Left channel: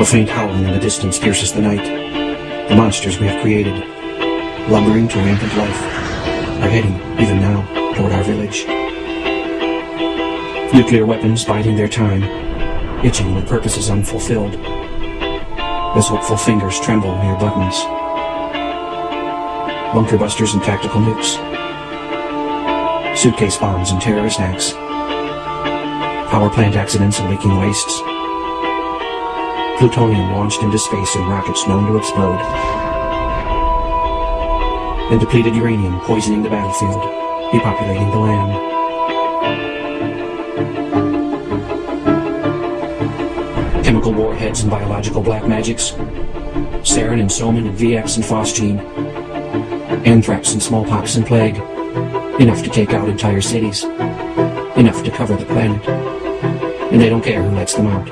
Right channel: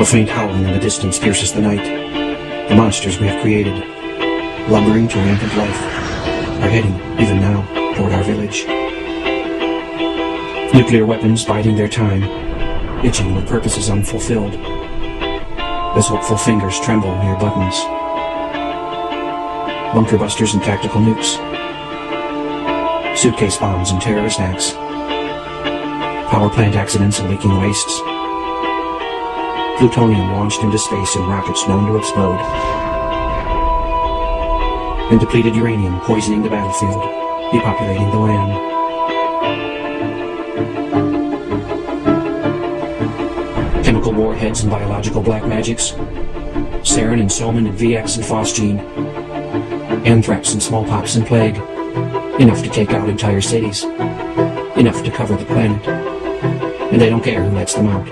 A faint howling in the distance pierces the night. The monsters we have created, lumbering to rampant life, are heading, even now, toward our village. Nuclear weapons biding their time, itching with purposes unfulfilled, as hopeful fingers tremble near buttons. Bunker busters and tactical nukes, suitcase bombs and terrorist acts, power plant accidents and leaking wastes, plutonium launched into space in rockets known to explode, and depleted uranium poisoning the battlefield, depopulating the land. Chemical warheads and biological black magics, sarin and soman and VX and phosgene, anthrax and smallpox and plague, enough to take out entire cities, enough to cover the planet. And they don't care who lets them out,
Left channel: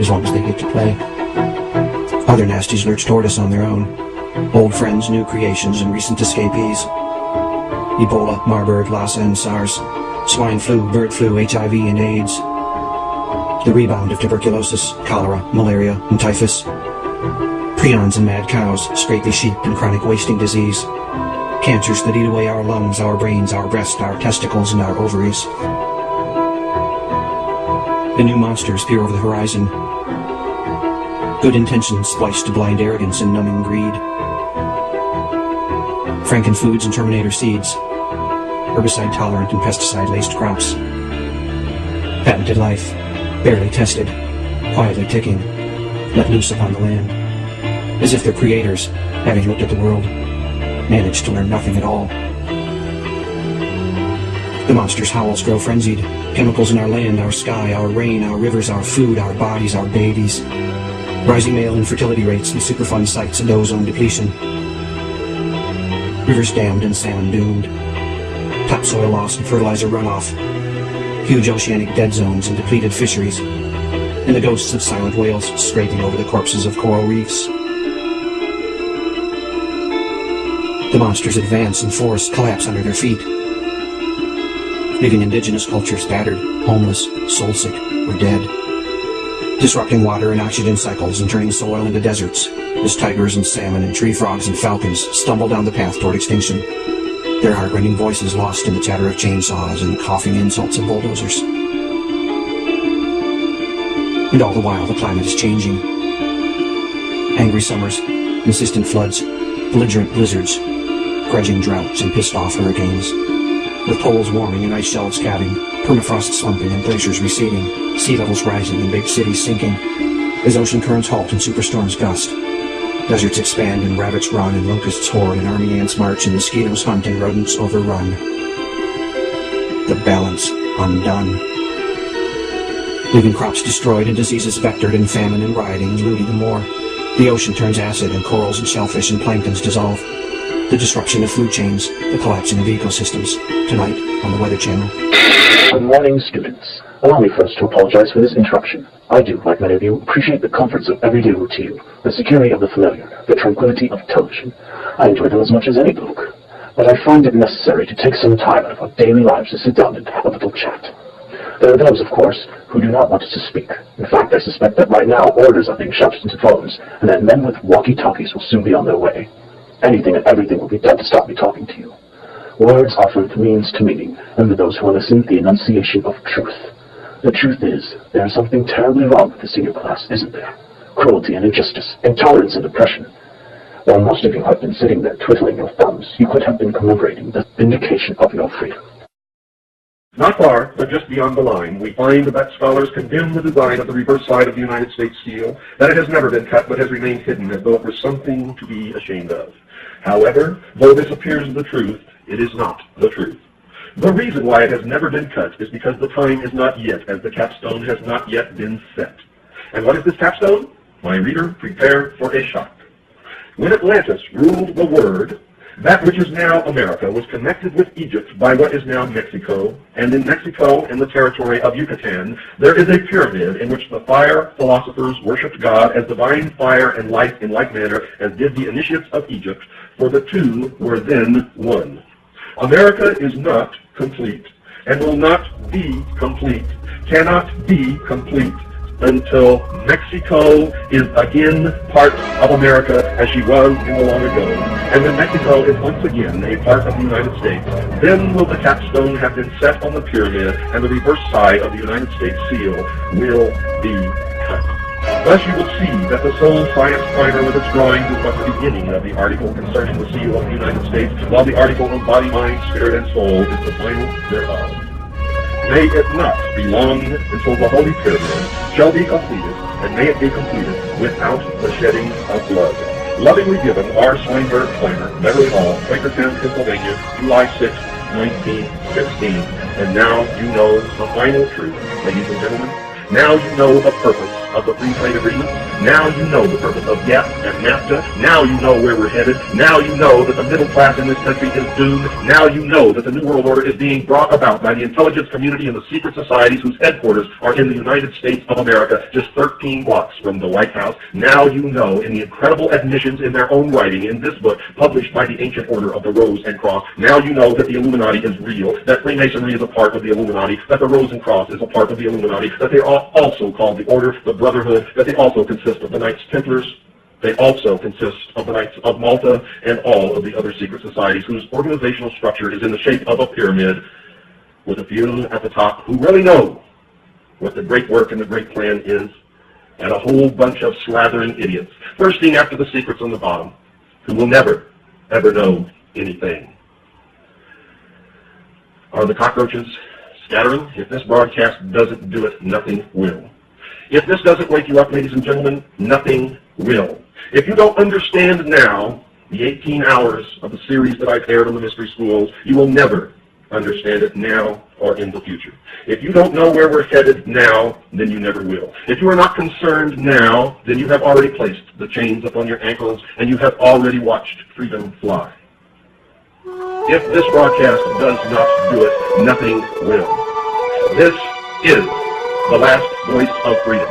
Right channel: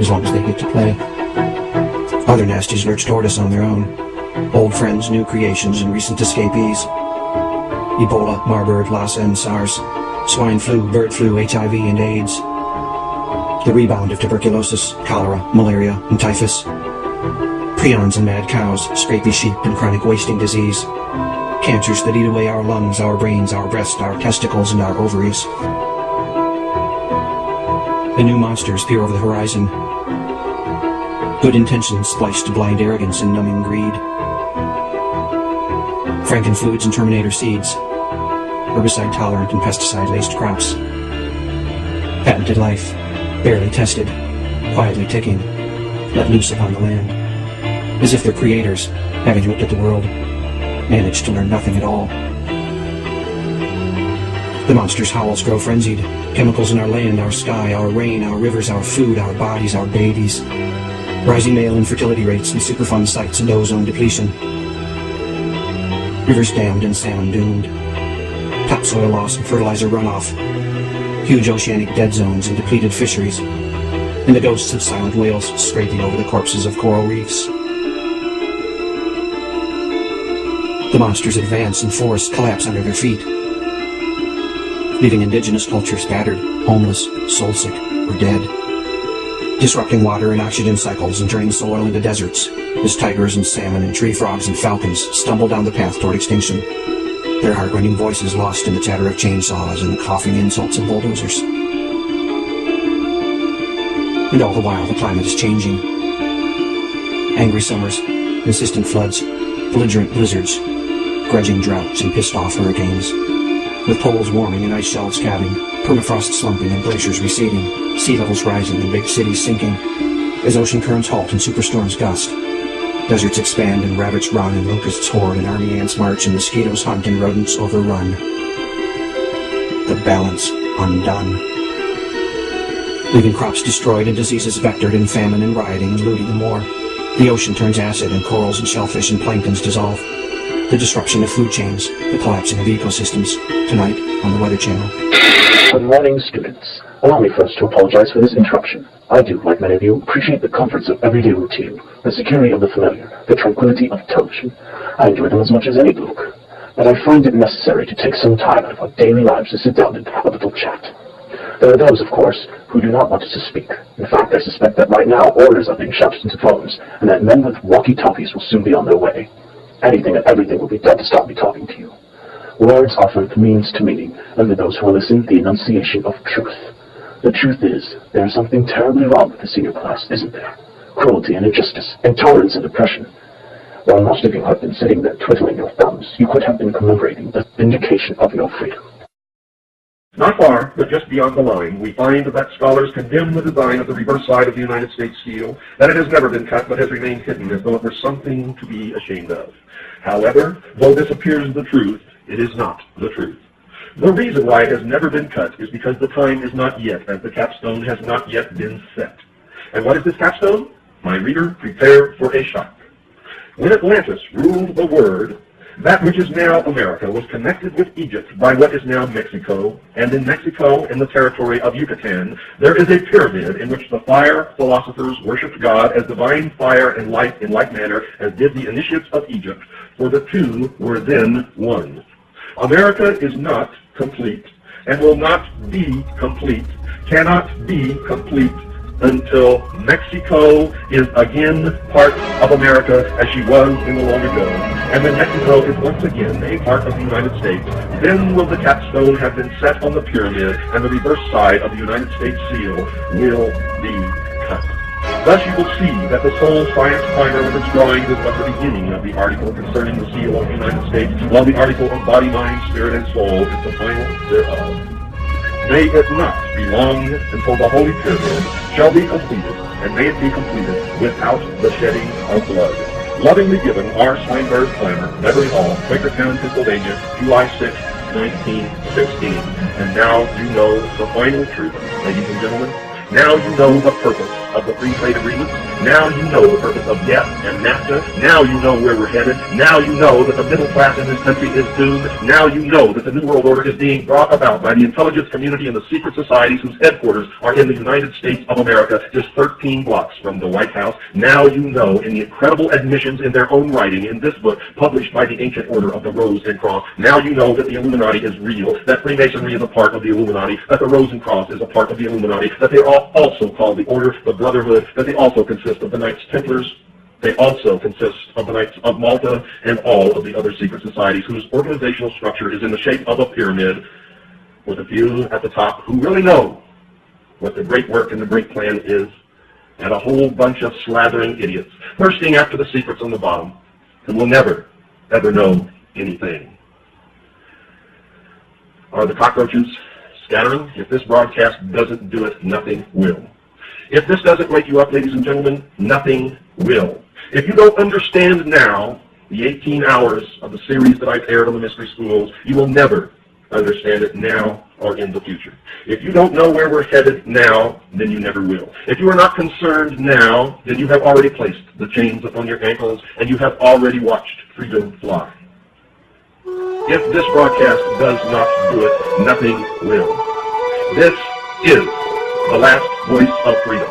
as long as they get to play. Other nasties lurch toward us on their own. Old friends, new creations, and recent escapees. Ebola, Marburg, Lassa, and SARS. Swine flu, bird flu, HIV, and AIDS. The rebound of tuberculosis, cholera, malaria, and typhus. Prions and mad cows, scrapey sheep, and chronic wasting disease. Cancers that eat away our lungs, our brains, our breast, our testicles, and our ovaries. The new monsters peer over the horizon. Good intentions spliced to blind arrogance and numbing greed. Frankenfoods and Terminator seeds. Herbicide-tolerant and pesticide-laced crops. Patented life, barely tested, quietly ticking, let loose upon the land. As if their creators, having looked at the world, managed to learn nothing at all. The monsters' howls grow frenzied. Chemicals in our land, our sky, our rain, our rivers, our food, our bodies, our babies. Rising male infertility rates and Superfund sites and ozone depletion. Rivers dammed and salmon doomed. Topsoil loss and fertilizer runoff. Huge oceanic dead zones and depleted fisheries. And the ghosts of silent whales scraping over the corpses of coral reefs. The monsters advance and forests collapse under their feet, leaving indigenous cultures battered, homeless, soul-sick, or dead. Disrupting water and oxygen cycles and turning soil into deserts as tigers and salmon and tree frogs and falcons stumble down the path toward extinction, their heart-rending voices lost in the chatter of chainsaws and the coughing insults of bulldozers. And all the while the climate is changing. Angry summers, insistent floods, belligerent blizzards, grudging droughts and pissed-off hurricanes. With poles warming and ice shelves calving, permafrost slumping and glaciers receding, sea levels rising and big cities sinking, as ocean currents halt and superstorms gust, deserts expand and rabbits run and locusts hoard and army ants march and mosquitoes hunt and rodents overrun. The balance undone. Leaving crops destroyed and diseases vectored and famine and rioting and looting and more. The ocean turns acid and corals and shellfish and planktons dissolve. The disruption of food chains, the collapsing of ecosystems. Tonight on the Weather Channel. Good morning, students. Allow me first to apologize for this interruption. I do, like many of you, appreciate the comforts of everyday routine, the security of the familiar, the tranquility of television. I enjoy them as much as any book. But I find it necessary to take some time out of our daily lives to sit down and have a little chat. There are those, of course, who do not want us to speak. In fact, I suspect that right now orders are being shouted into phones, and that men with walkie-talkies will soon be on their way. Anything and everything will be done to stop me talking to you. Words offer the means to meaning, and to those who listen, the enunciation of truth. The truth is, there is something terribly wrong with the senior class, isn't there? Cruelty and injustice, intolerance and oppression. While most of you have been sitting there twiddling your thumbs, you could have been commemorating the vindication of your freedom. Not far, but just beyond the line, we find that scholars condemn the design of the reverse side of the United States seal, that it has never been cut but has remained hidden as though it were something to be ashamed of. However, though this appears the truth, it is not the truth. The reason why it has never been cut is because the time is not yet, as the capstone has not yet been set. And what is this capstone? My reader, prepare for a shock. When Atlantis ruled the world, that which is now America was connected with Egypt by what is now Mexico, and in Mexico, in the territory of Yucatan, there is a pyramid in which the fire philosophers worshipped God as divine fire and light in like manner as did the initiates of Egypt, for the two were then one. America is not complete, and will not be complete, cannot be complete, until Mexico is again part of America as she was in the long ago, and when Mexico is once again a part of the United States, then will the capstone have been set on the pyramid, and the reverse side of the United States seal will be cut. Thus you will see that the sole science primer with its drawings is but the beginning of the article concerning the seal of the United States, while the article of body, mind, spirit, and soul is the final thereof. May it not be long until the Holy Pyramid shall be completed, and may it be completed without the shedding of blood. Lovingly given, R. Swinburne Clymer, Beverly Hall, Quakertown, Pennsylvania, July 6, 1916. And now you know the final truth, ladies and gentlemen. Now you know the purpose of the free trade agreement. Now you know the purpose of GATT and NAFTA. Now you know where we're headed. Now you know that the middle class in this country is doomed. Now you know that the New World Order is being brought about by the intelligence community and the secret societies whose headquarters are in the United States of America, just 13 blocks from the White House. Now you know, in the incredible admissions in their own writing in this book, published by the Ancient Order of the Rose and Cross, now you know that the Illuminati is real, that Freemasonry is a part of the Illuminati, that the Rose and Cross is a part of the Illuminati, that they're also called the Order, the Brotherhood, that they also consist of the Knights Templars. They also consist of the Knights of Malta and all of the other secret societies whose organizational structure is in the shape of a pyramid, with a few at the top who really know what the great work and the great plan is, and a whole bunch of slathering idiots thirsting after the secrets on the bottom, who will never, ever know anything. Are the cockroaches scattering? If this broadcast doesn't do it, nothing will. If this doesn't wake you up, ladies and gentlemen, nothing will. If you don't understand now the 18 hours of the series that I've aired on the Mystery Schools, you will never understand it now or in the future. If you don't know where we're headed now, then you never will. If you are not concerned now, then you have already placed the chains upon your ankles and you have already watched freedom fly. If this broadcast does not do it, nothing will. This is the last voice of freedom.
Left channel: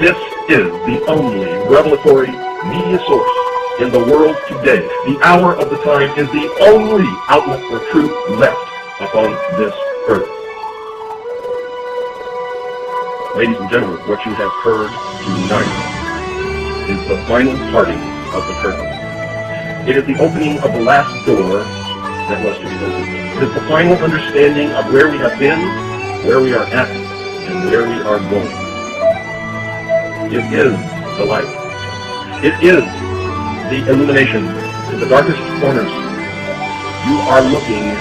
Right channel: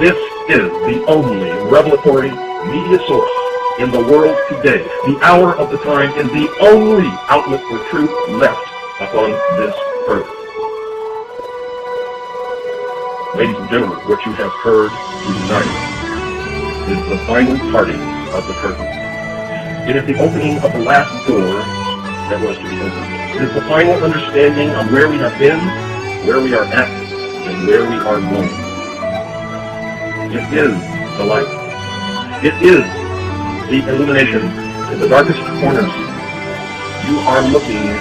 This is the only revelatory media source in the world today. The hour of the time is the only outlet for truth left upon this earth. Ladies and gentlemen, what you have heard tonight is the final parting of the curtain. It is the opening of the last door that was to be opened. It is the final understanding of where we have been, where we are at, and where we are going. It is the light. It is the illumination in the darkest corners. You are looking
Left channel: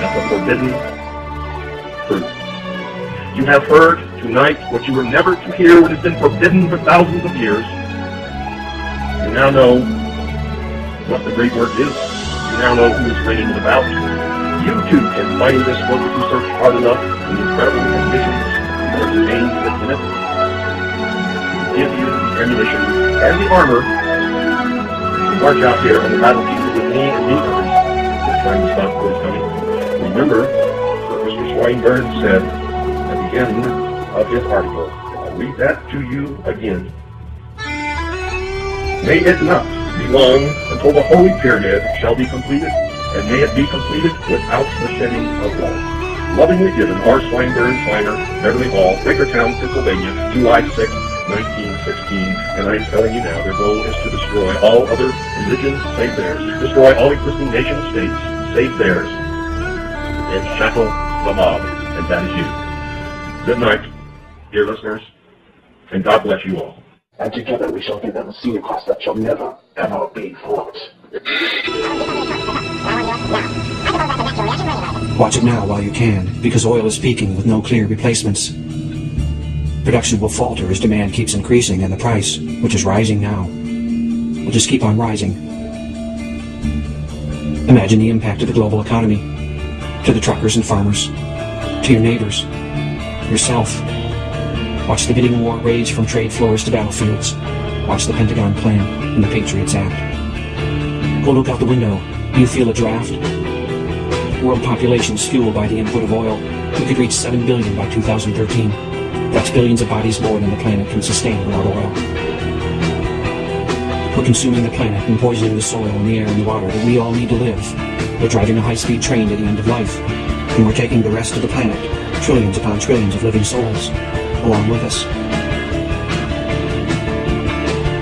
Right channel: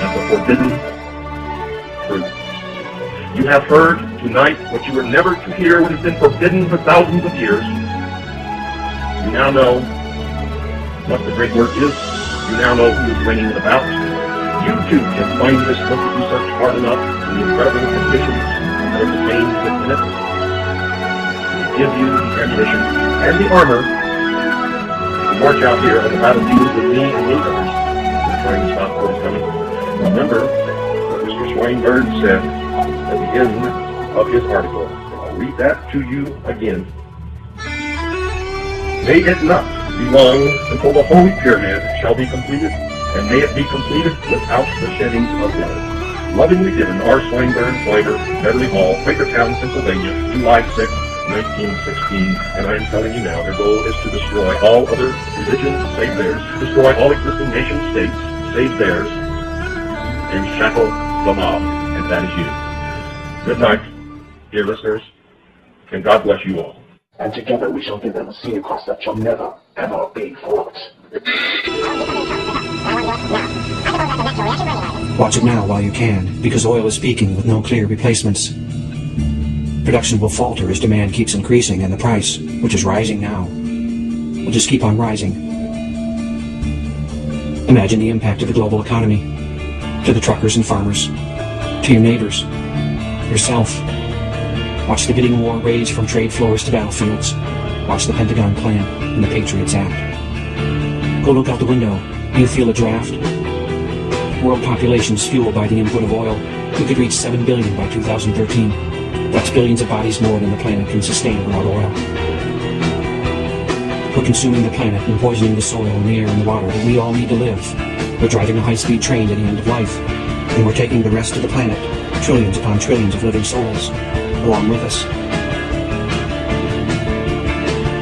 at the forbidden truth. You have heard tonight what you were never to hear, what has been forbidden for thousands of years. You now know what the great work is. You now know who this training is about. You too can find this book if you search hard enough in the incredible conditions that are contained within it. Give you the ammunition and the armor to march out here on the battlefield with me and you others who are trying to stop what is coming. Remember what Mr. Swinburne said at the end of his article. I'll read that to you again. May it not be long until the Holy Pyramid shall be completed, and may it be completed without the shedding of blood. Lovingly given, R. Swinburne Clymer, Beverly Hall, Quakertown, Pennsylvania, July 6, 1916. And I'm telling you now, their goal is to destroy all other religions save theirs, destroy all existing nation-states save theirs, and shackle the mob, and that is you. Good night, dear listeners, and God bless you all. And together we shall give them a sea across that shall never, ever be fought. Watch it now while you can, because oil is peaking with no clear replacements. Production will falter as demand keeps increasing, and the price, which is rising now, will just keep on rising. Imagine the impact of the global economy, to the truckers and farmers, to your neighbors, yourself. Watch the bidding war rage from trade floors to battlefields. Watch the Pentagon plan and the Patriots Act. Go look out the window. Do you feel a draft? World population is fueled by the input of oil. We could reach 7 billion by 2013. That's billions of bodies more than the planet can sustain without oil. We're consuming the planet and poisoning the soil and the air and the water that we all need to live. We're driving a high-speed train to the end of life, and we're taking the rest of the planet, trillions upon trillions of living souls, along with us.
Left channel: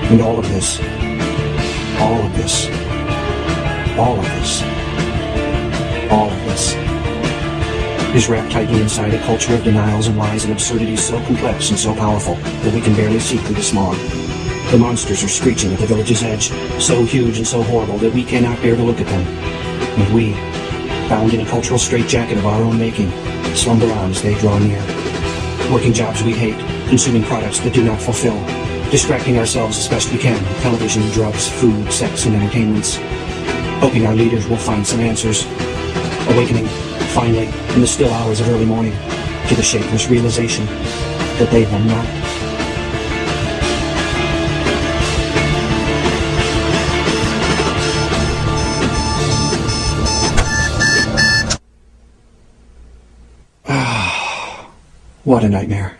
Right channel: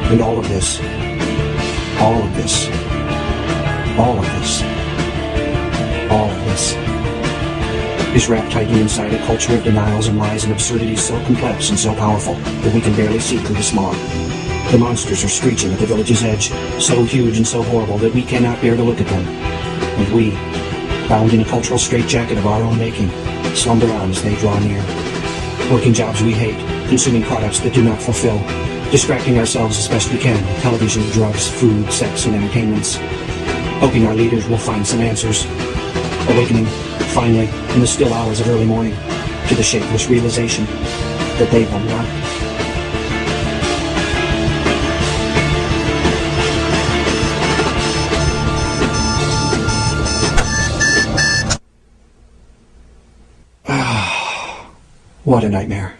And all of this, all of this, all of this, all of this is wrapped tightly inside a culture of denials and lies and absurdities so complex and so powerful that we can barely see through the smog. The monsters are screeching at the village's edge, so huge and so horrible that we cannot bear to look at them. And we, bound in a cultural straitjacket of our own making, slumber on as they draw near. Working jobs we hate, consuming products that do not fulfill, distracting ourselves as best we can with television, drugs, food, sex, and entertainments. Hoping our leaders will find some answers. Awakening, finally, in the still hours of early morning, to the shapeless realization that they will not. What a nightmare.